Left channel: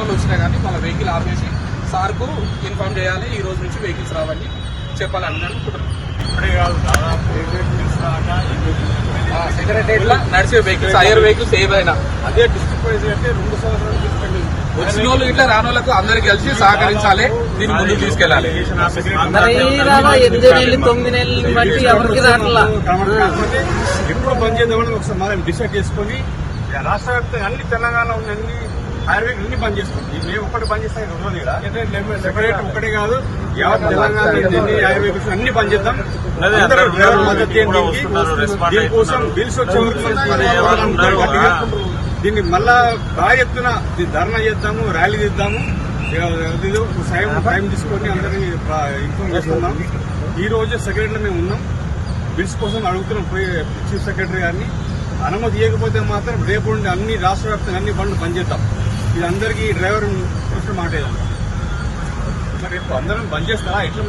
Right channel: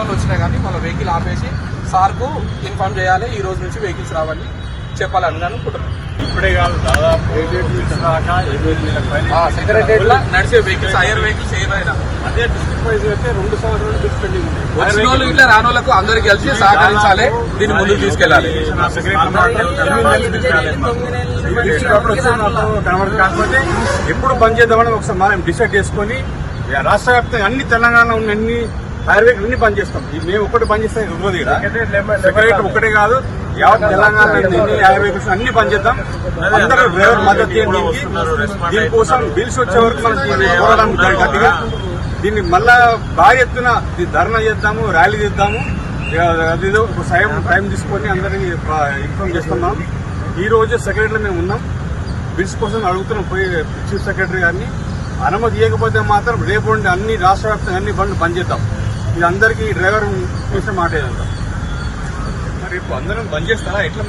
Signal వచ్చినాయి కానీ మళ్ళీ వెహికల్ ఆపేసి సార్కు ఇన్ఫార్మ్ చేయాలి, ఈ రోజు నుంచి వెహికల్స్ రావని చెప్పాలని అనుకుంటున్నాను. సెక్రటరీ నర్సీ వెహికల్స్ హైయర్ వెహికల్స్ ఏవైనా అదే డిస్ట్రిక్ట్ వైజ్ అయితే 2 సంవత్సరాలు డిస్పెండింగ్ ఉంది. వచ్చిన వాళ్ళు ఇట్లా రానోళ్ళకు అందరికి కలిసి సహకరించాలి, దీన్ని ముందుకు తీసుకెళ్లాలి. కాకపోతే ఎప్పుడు బంద్ చేద్దామని ఒకసారి మనం డిసైడ్ చేసుకుని రాష్ట్ర వ్యాప్తంగా అన్ని తెలంగాణలో ఉన్న అన్ని హైవేలు అన్ని బంద్ చేస్తాం. మేము ఒకటి బంద్ చేస్తే సెక్రటరీ ఒకటే కాదు, యావత్ తెలంగాణ ఎన్ని హైవేస్ అన్ని బంద్ చేద్దాం. అందరూ డ్రైవర్ మద్దతు చేయండి. దీనికోసం బిల్స్ వచ్చే వరకు మనం దీన్ని పోరాటం గట్టిగా దీన్ని మళ్ళా భారీ ఎత్తున ధర్నా చేద్దాము, ర్యాలీ చేద్దాము. అదేదో ఒక టైం తీసుకొని అందరినీ ఇన్ఫార్మ్ చేస్తున్నాం. ఈ రోజు సెక్రటరీలో మేము ఉన్నాం, బిల్స్ కోసం అడుగుతున్నాం పోయి చీఫ్ సెక్రటరీ గారిని. అనుమతి ఇవ్వకపోతే మాత్రం రేపు నుండి అన్ని రాష్ట్ర వ్యాప్తంగా అన్ని బండ్లు బంద్ చేద్దాం. ఇది అందరికీ డ్రైవర్ చేసే మాట ఏదంతా. మరి రేపు అందరం బంద్ చేస్తారా ఎట్లా మరి?